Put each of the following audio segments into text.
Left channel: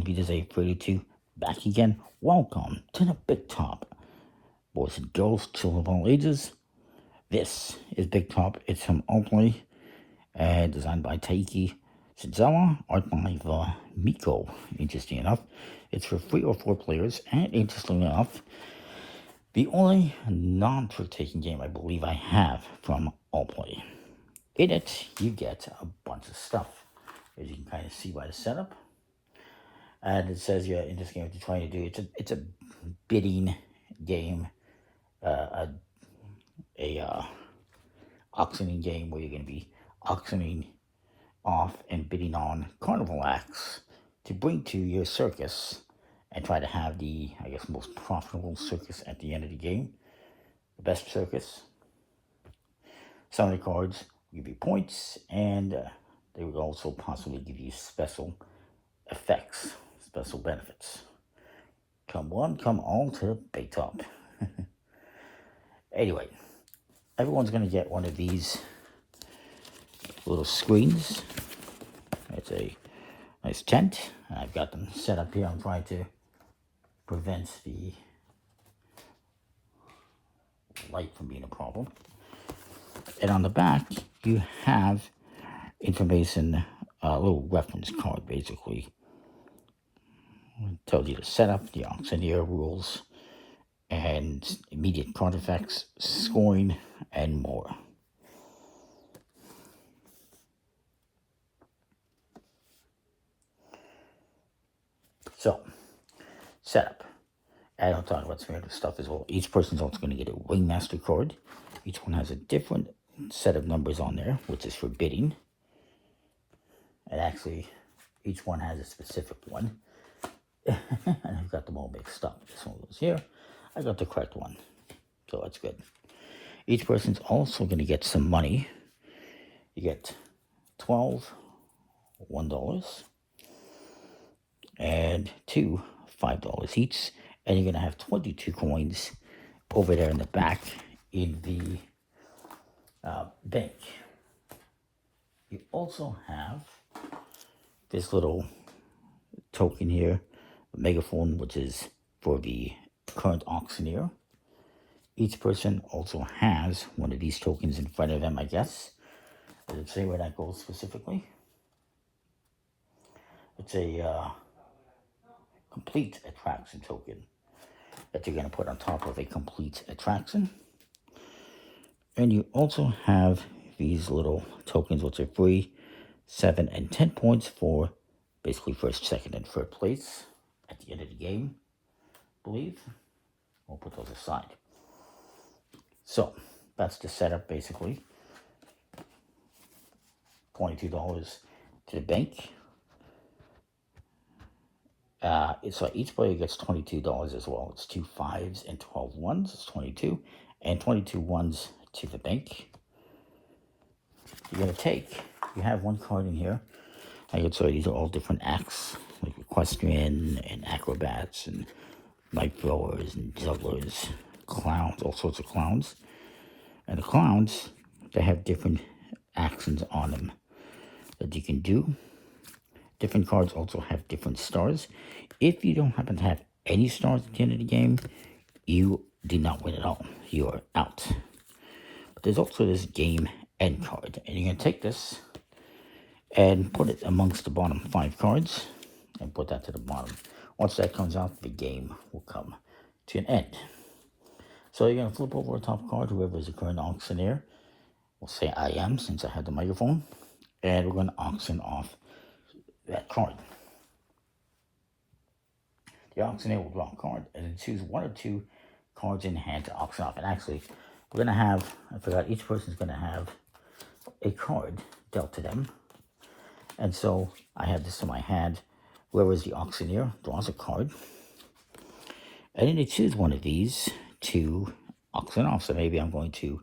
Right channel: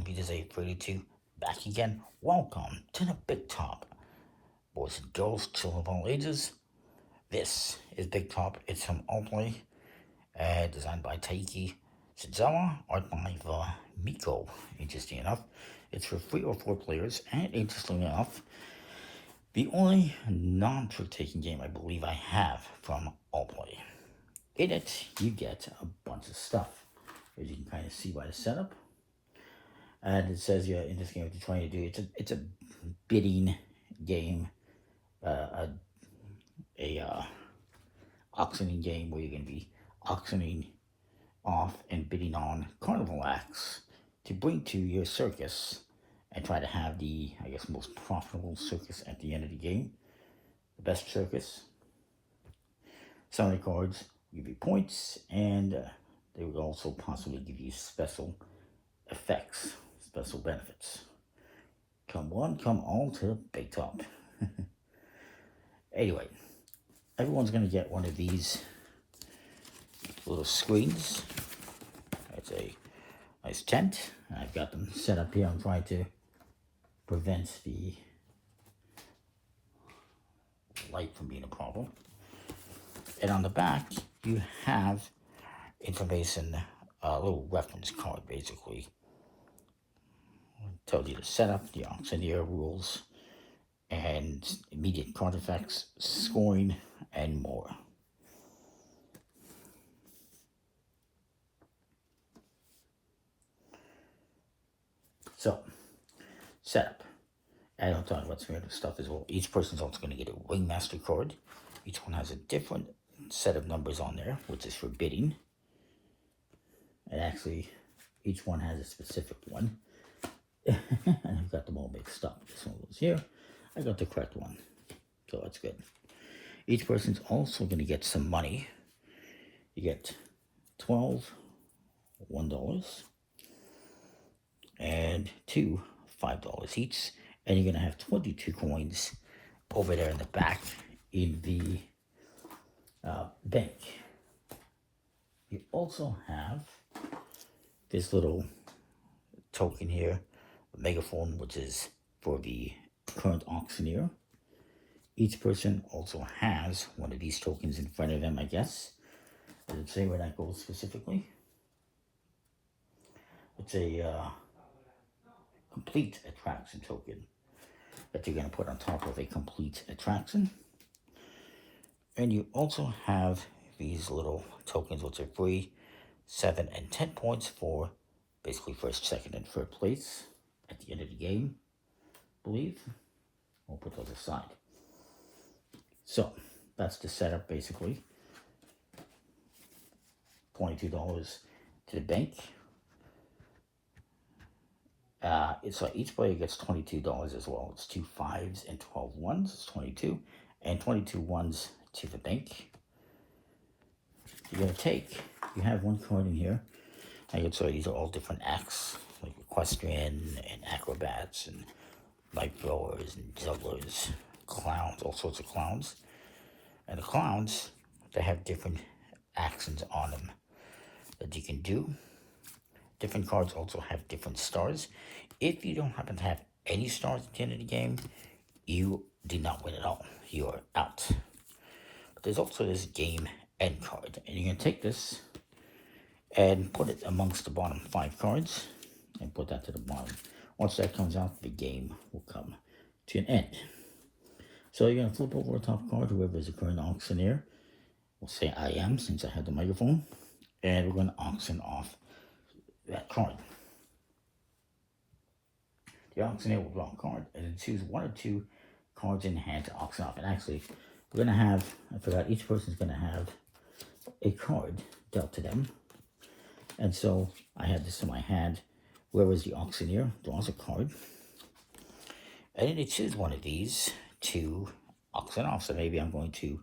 on Vita's 32 back again. Welcome to the Big Top. Boys and girls, children of all ages. This is Big Top. It's from Allplay, designed by Taiki Shizawa, art by Miko. Interesting enough, it's for 3 or 4 players, and interestingly enough, the only non-trick-taking game I believe I have from Allplay. In it, you get a bunch of stuff, as you can kind of see by the setup. And it says, yeah, in this game, what you're trying to do, it's a bidding game, auctioning game where you're going to be auctioning off and bidding on carnival acts to bring to your circus and try to have the, I guess, most profitable circus at the end of the game. The best circus. Some of the cards give you points, and they would also possibly give you special effects, special benefits. Come one, come all to Big Top. Anyway, everyone's going to get one of these little screens. It's a nice tent. I've got them set up here. I'm trying to prevent the light from being a problem. And on the back, you have information, a little reference card, basically. It tells you the setup, the auctioneer rules, and immediate card effects, scoring, and more. So, setup. And I'll talk about some other stuff as well. Each person's also going to get a Ringmaster card. Each one has a different set of numbers on there, which is for bidding. And actually, each one has a specific one. And I've got them all mixed up. This one goes here. I got the correct one. So that's good. Each person's also going to get some money. You get 12 $1 and 2 $5 each. And you're going to have 22 coins over there in the back in the bank. You also have this little token here, a megaphone, which is for the current auctioneer. Each person also has one of these tokens in front of them, I guess. Does it say where that goes specifically? It's a complete attraction token that you're going to put on top of a complete attraction. And you also have these little tokens, which are free, 7 and 10 points for basically first, second, and third place at the end of the game, I believe. We'll put those aside. So, that's the setup, basically. $22 to the bank. So each player gets $22 as well. It's 2 5s and 12 1s. It's 22. And 22 1s to the bank. You're going to take, you have one card in here. I can show you these are all different acts, like equestrian and acrobats and knife throwers and jugglers, clowns, all sorts of clowns. And the clowns, they have different actions on them that you can do. Different cards also have different stars. If you don't happen to have any stars at the end of the game, you did not win at all. You are out. But there's also this game end card. And you're going to take this and put it amongst the bottom 5 cards and put that to the bottom. Once that comes out, the game will come to an end. So you're going to flip over a top card, whoever is the current auctioneer. We'll say I am, since I have the microphone. And we're going to auction off that card. The auctioneer will draw a card and then choose 1 or 2 cards in hand to auction off. And actually, we're going to have, I forgot, each person's going to have a card dealt to them. And so I have this in my hand. Whoever is the auctioneer draws a card. And then they choose one of these to auction off. So maybe I'm going to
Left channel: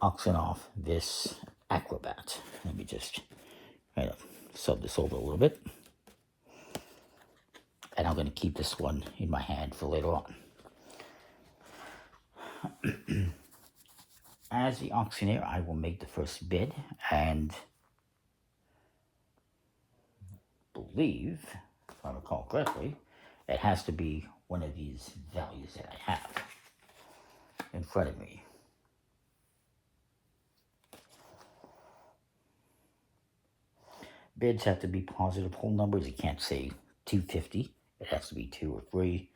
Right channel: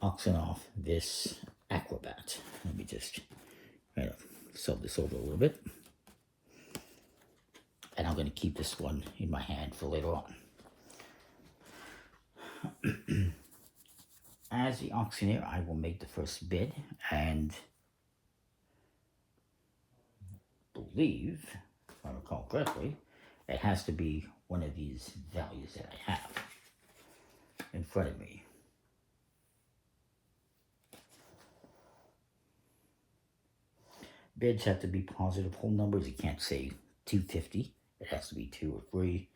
auction off this acrobat. Let me just kind of sub this over a little bit. And I'm going to keep this one in my hand for later on. As the auctioneer, I will make the first bid, and believe if I recall correctly, it has to be one of these values that I have in front of me. Bids have to be positive whole numbers. You can't say 250. It has to be 2 or 3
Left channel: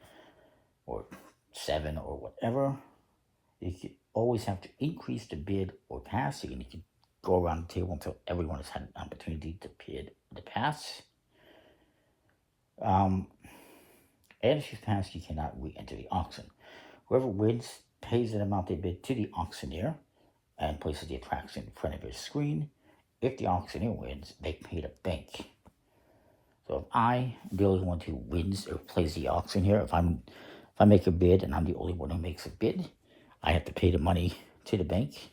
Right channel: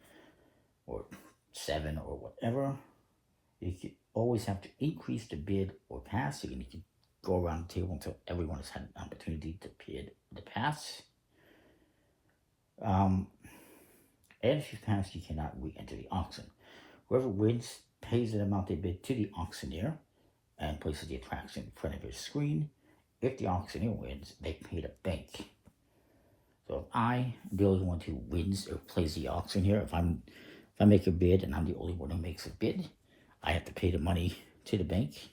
or 7 or whatever. You can always have to increase the bid or pass. You can go around the table until everyone has had an opportunity to bid the pass. And if you pass, you cannot re-enter the auction. Whoever wins pays an amount they bid to the auctioneer and places the attraction in front of your screen. If the auctioneer wins, they pay the bank. So if I am the only one who wins or plays the auction here, if I make a bid and I'm the only one who makes a bid, I have to pay the money to the bank.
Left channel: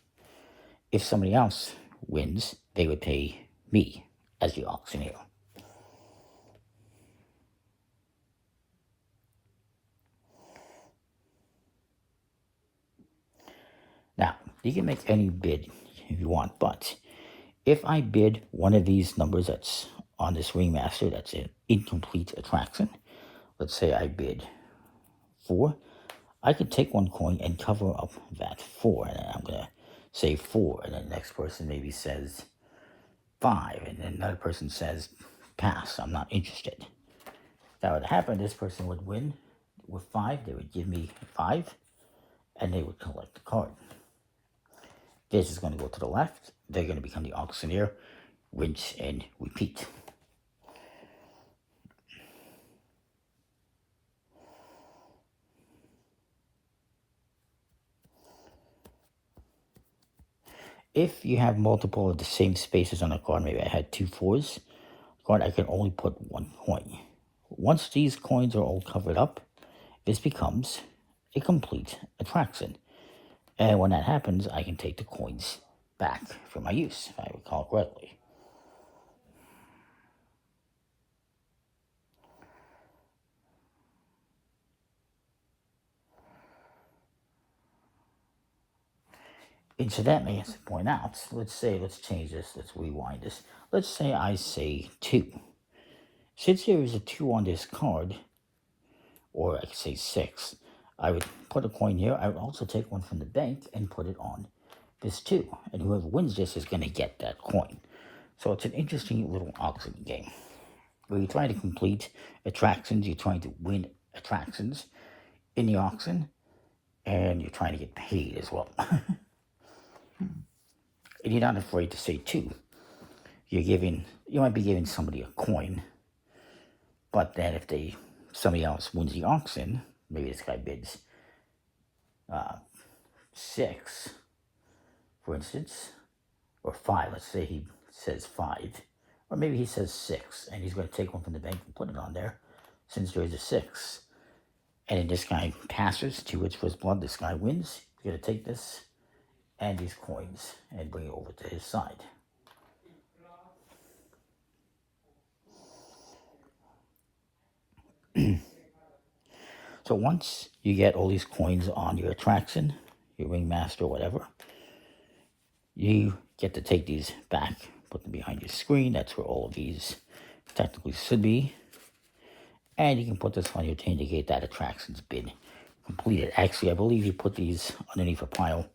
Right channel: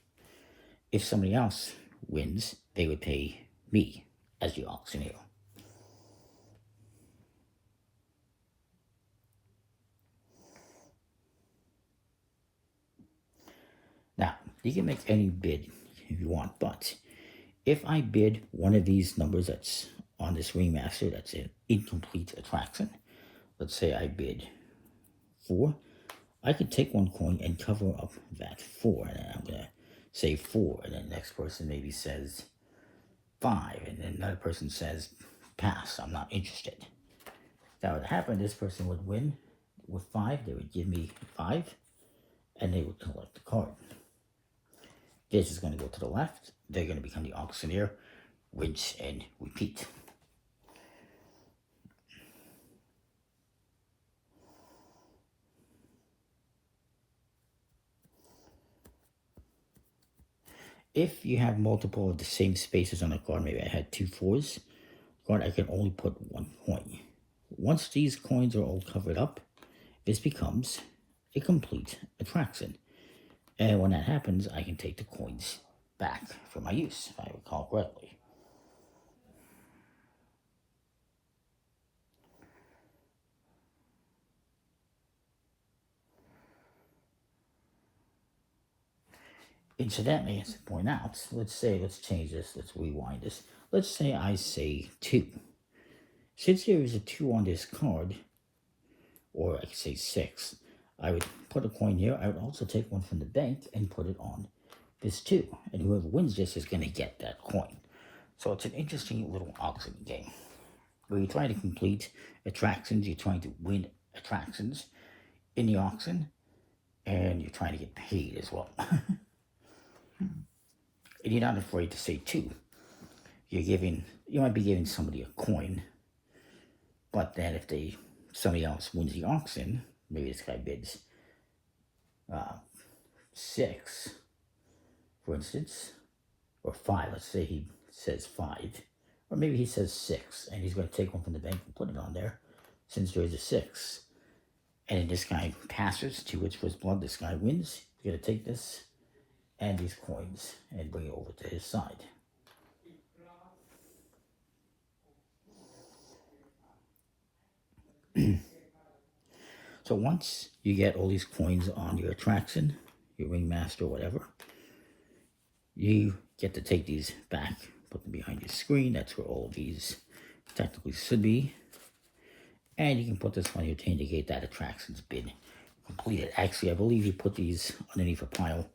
If somebody else wins, they would pay me as the auctioneer. Now, you can make any bid if you want, but if I bid one of these numbers that's on this Ringmaster, that's an incomplete attraction, let's say I bid 4, I could take one coin and cover up that 4, and then I'm going to say 4, and then the next person maybe says 5, and then another person says pass, I'm not interested. If that would happen, this person would win with 5, they would give me 5, and they would collect the card. This is going to go to the left. They're going to become the auctioneer, rinse and repeat. If you have multiple of the same spaces on a card, maybe I had 2 4s, card, I can only put 1 coin. Once these coins are all covered up, this becomes a complete attraction. And when that happens, I can take the coins back for my use, if I recall correctly. Incidentally, as I point out, let's change this, let's rewind this. Let's say I say 2. Since there is a 2 on this card, or I could say 6, I would put a coin here. I would also take one from the bank and put it on this 2. And whoever wins this is going to get that coin. So it's an interesting little auction game, where you're trying to complete attractions, you're trying to win attractions in the auction, and you're trying to get paid as well. And you're not afraid to say 2. You might be giving somebody a coin, but then if somebody else wins the auction, maybe this guy bids 6, for instance, or 5. Let's say he says 5, or maybe he says 6, and he's going to take one from the bank and put it on there, since there is a 6. And then this guy passes 2 hits for his blood. This guy wins. He's going to take this and these coins and bring it over to his side. So once you get all these coins on your attraction, your Ringmaster, whatever, you get to take these back, put them behind your screen. That's where all of these technically should be. And you can put this on your to indicate that attraction's been completed. Actually, I believe you put these underneath a pile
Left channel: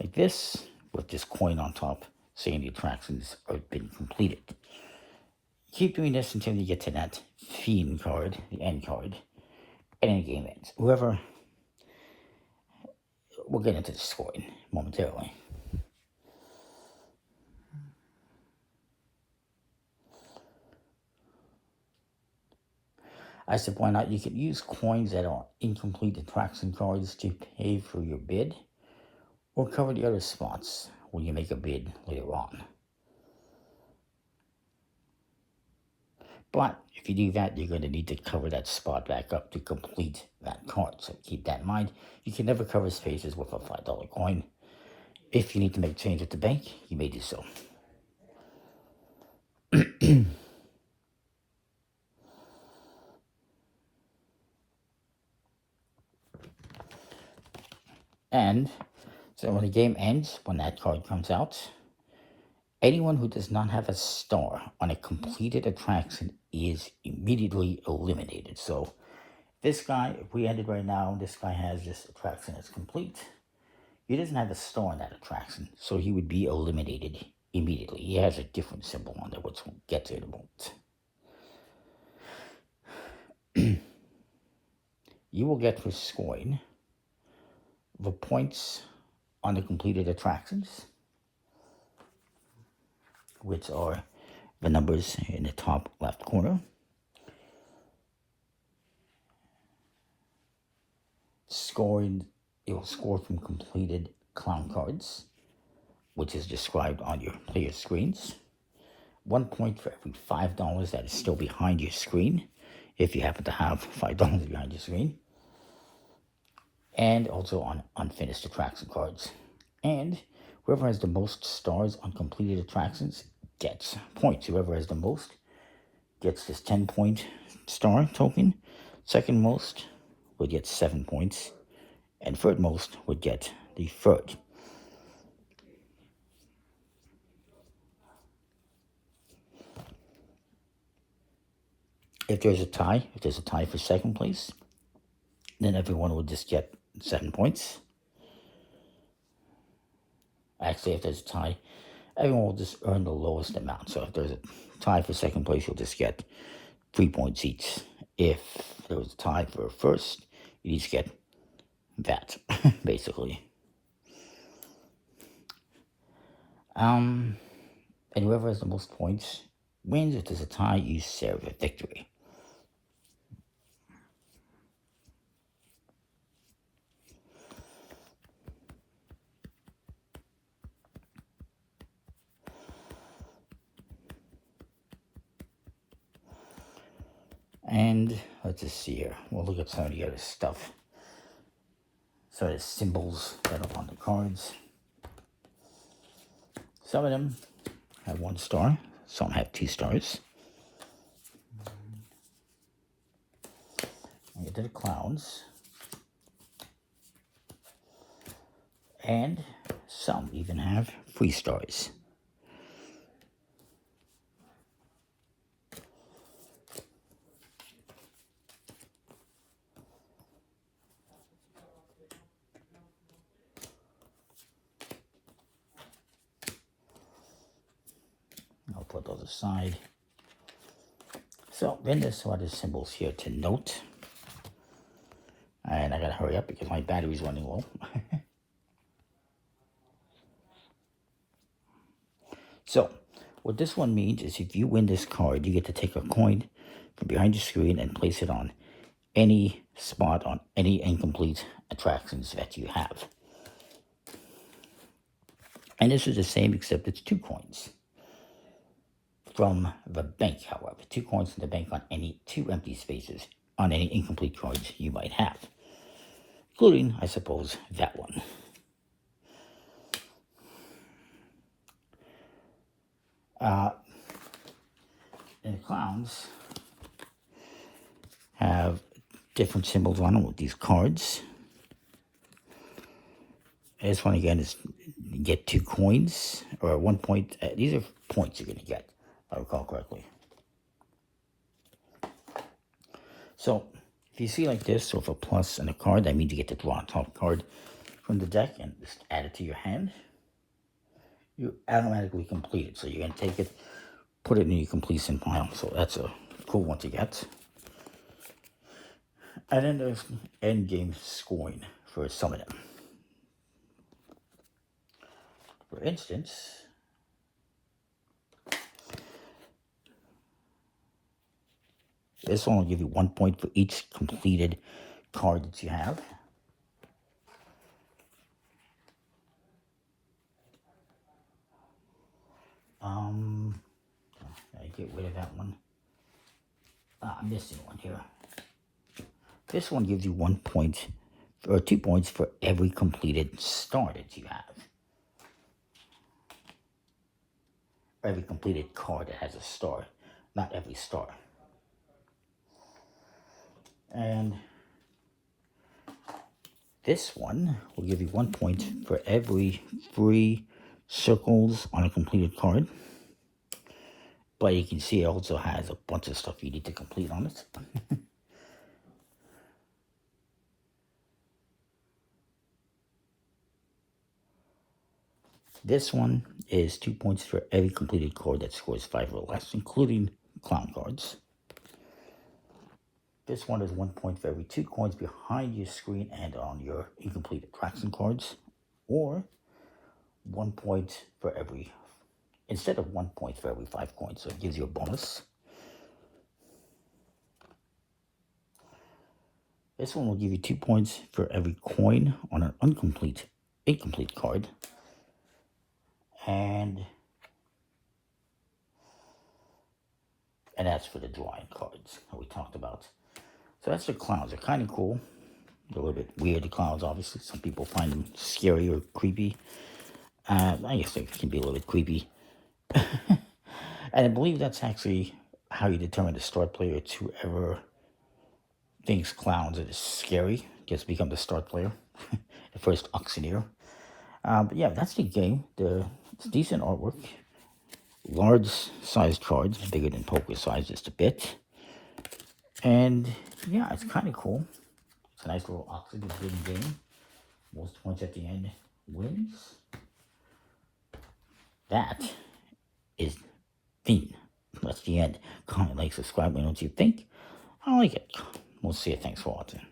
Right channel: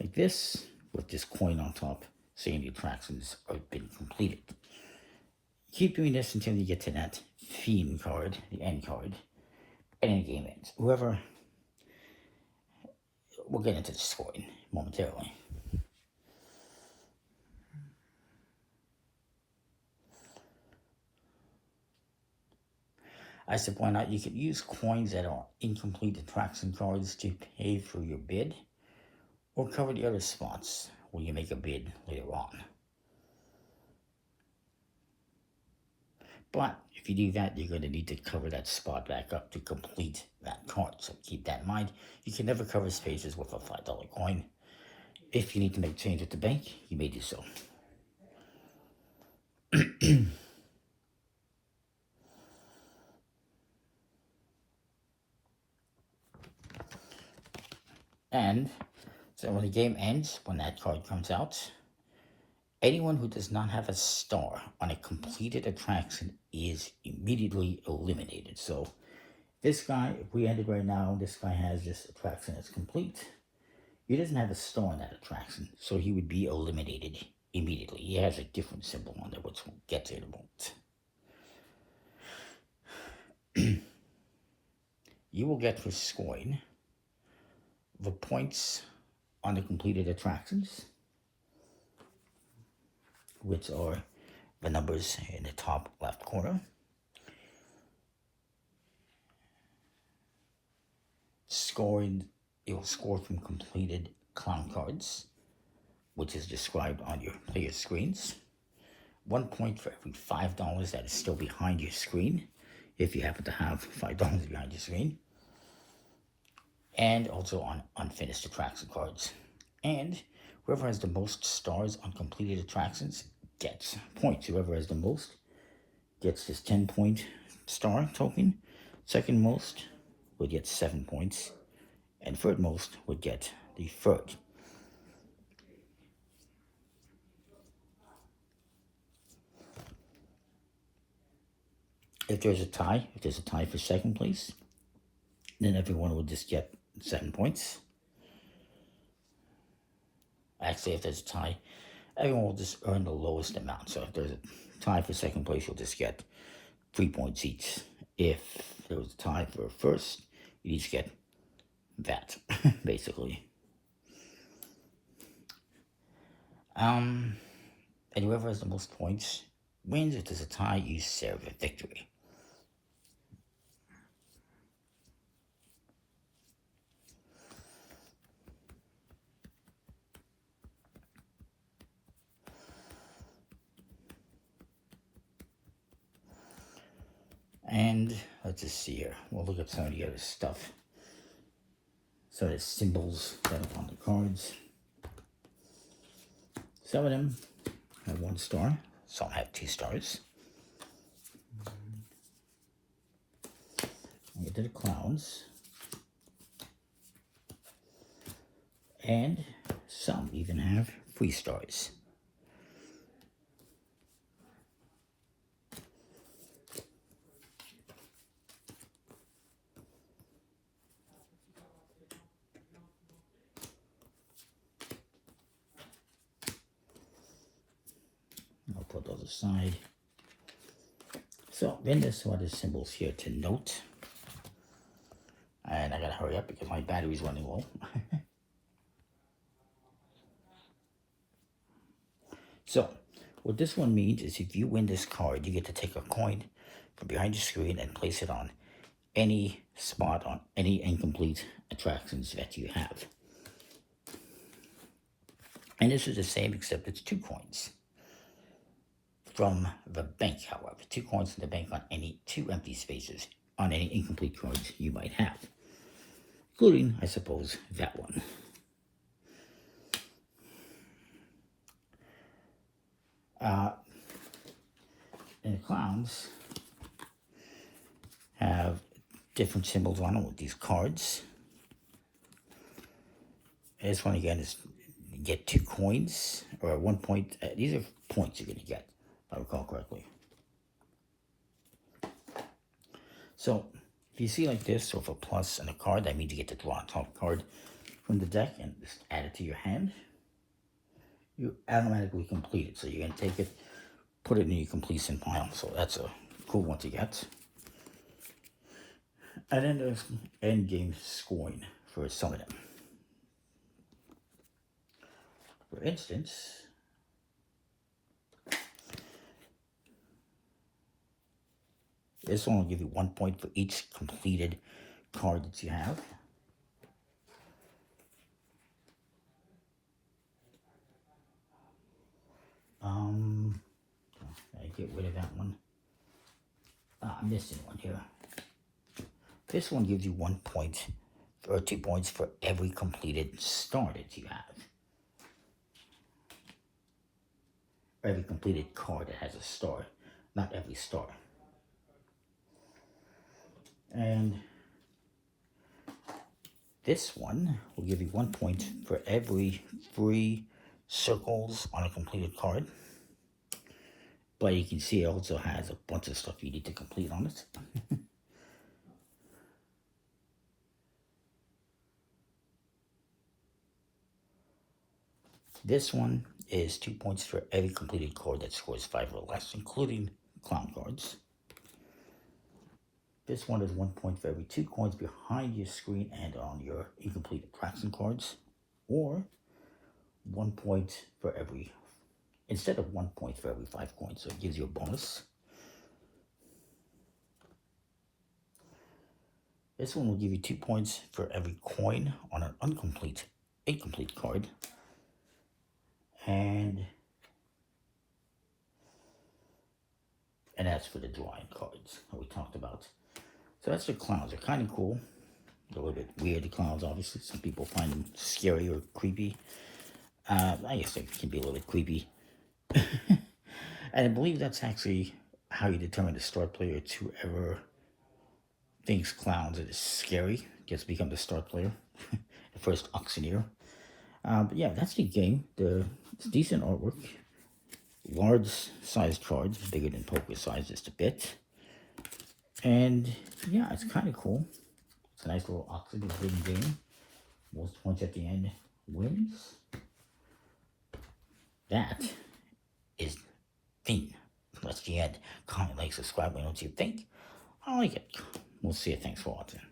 like this, with this coin on top, saying the attractions have been completed. Keep doing this until you get to that Fiend card, the end card, and then the game ends. We'll get into the scoring momentarily. I should point out, you can use coins that are incomplete attraction cards to pay for your bid, or cover the other spots when you make a bid later on. But if you do that, you're going to need to cover that spot back up to complete that card. So keep that in mind. You can never cover spaces with a $5 coin. If you need to make change at the bank, you may do so. And so when the game ends, when that card comes out, Anyone who does not have a star on a completed attraction is immediately eliminated. So this guy, if we ended right now, this guy has this attraction that's complete. He doesn't have a star on that attraction, so he would be eliminated immediately. He has a different symbol on there, which we'll get to in a moment. You will get for scoring the points on the completed attractions, which are the numbers in the top left corner. Scoring, it will score from completed clown cards, which is described on your player screens. 1 point for every $5 that is still behind your screen, if you happen to have $5 behind your screen. And also on unfinished attraction cards. And whoever has the most stars on completed attractions gets points. Whoever has the most gets this 10-point star token. Second most would get 7 points. And third most would get the third. If there's a tie for second place, then everyone would just get 7 points. Actually, if there's a tie, everyone will just earn the lowest amount. So if there's a tie for second place, you'll just get 3 points each. If there was a tie for first, you each get that, basically. And whoever has the most points wins. If there's a tie, you share the victory. And let's just see here. We'll look at some of the other stuff. So there's symbols that are on the cards. Some of them have 1 star. Some have 2 stars. I'll get to the clowns. And some even have 3 stars. I'll put those aside. So then there's some other symbols here to note. And I gotta hurry up because my battery's running low. So what this one means is if you win this card, you get to take a coin from behind your screen and place it on any spot on any incomplete attractions that you have. And this is the same except it's 2 coins. From the bank, however. 2 coins from the bank on any 2 empty spaces on any incomplete cards you might have. Including, I suppose, that one. And the clowns have different symbols on them with these cards. This one again is you get 2 coins or 1 point. These are points you're going to get, if I recall correctly. So if you see like this with a plus and a card, that means you get to draw a top card from the deck and just add it to your hand. You automatically complete it. So you're going to take it, put it in your completion pile. So that's a cool one to get. And then there's end game scoring for some of them. For instance, this one will give you 1 point for each completed card that you have. I get rid of that one. I'm missing one here. This one gives you 1 point or 2 points for every completed star that you have. Every completed card that has a star, not every star. And this one will give you 1 point for every free circles on a completed card. But you can see it also has a bunch of stuff you need to complete on it. This one is 2 points for every completed card that scores 5 or less, including clown cards. This one is 1 point for every 2 coins behind your screen and on your incomplete attraction cards, or 1 point for every, instead of 1 point for every 5 coins, so it gives you a bonus. This one will give you 2 points for every coin on an incomplete card. And that's for the drawing cards that we talked about. So that's the clowns. They're kind of cool. They're a little bit weird, the clowns, obviously. Some people find them scary or creepy. I guess they can be a little bit creepy. And I believe that's actually how you determine the start player. It's whoever thinks clowns are scary gets to become the start player. The first auctioneer. But yeah, that's the game. It's decent artwork. Large sized cards, bigger than poker size just a bit. And yeah, it's kind of cool. It's a nice little auction game. Most points at the end wins. That is theme. That's the end. Comment, like, subscribe, and what you think. I like it. We'll see you. Thanks for watching.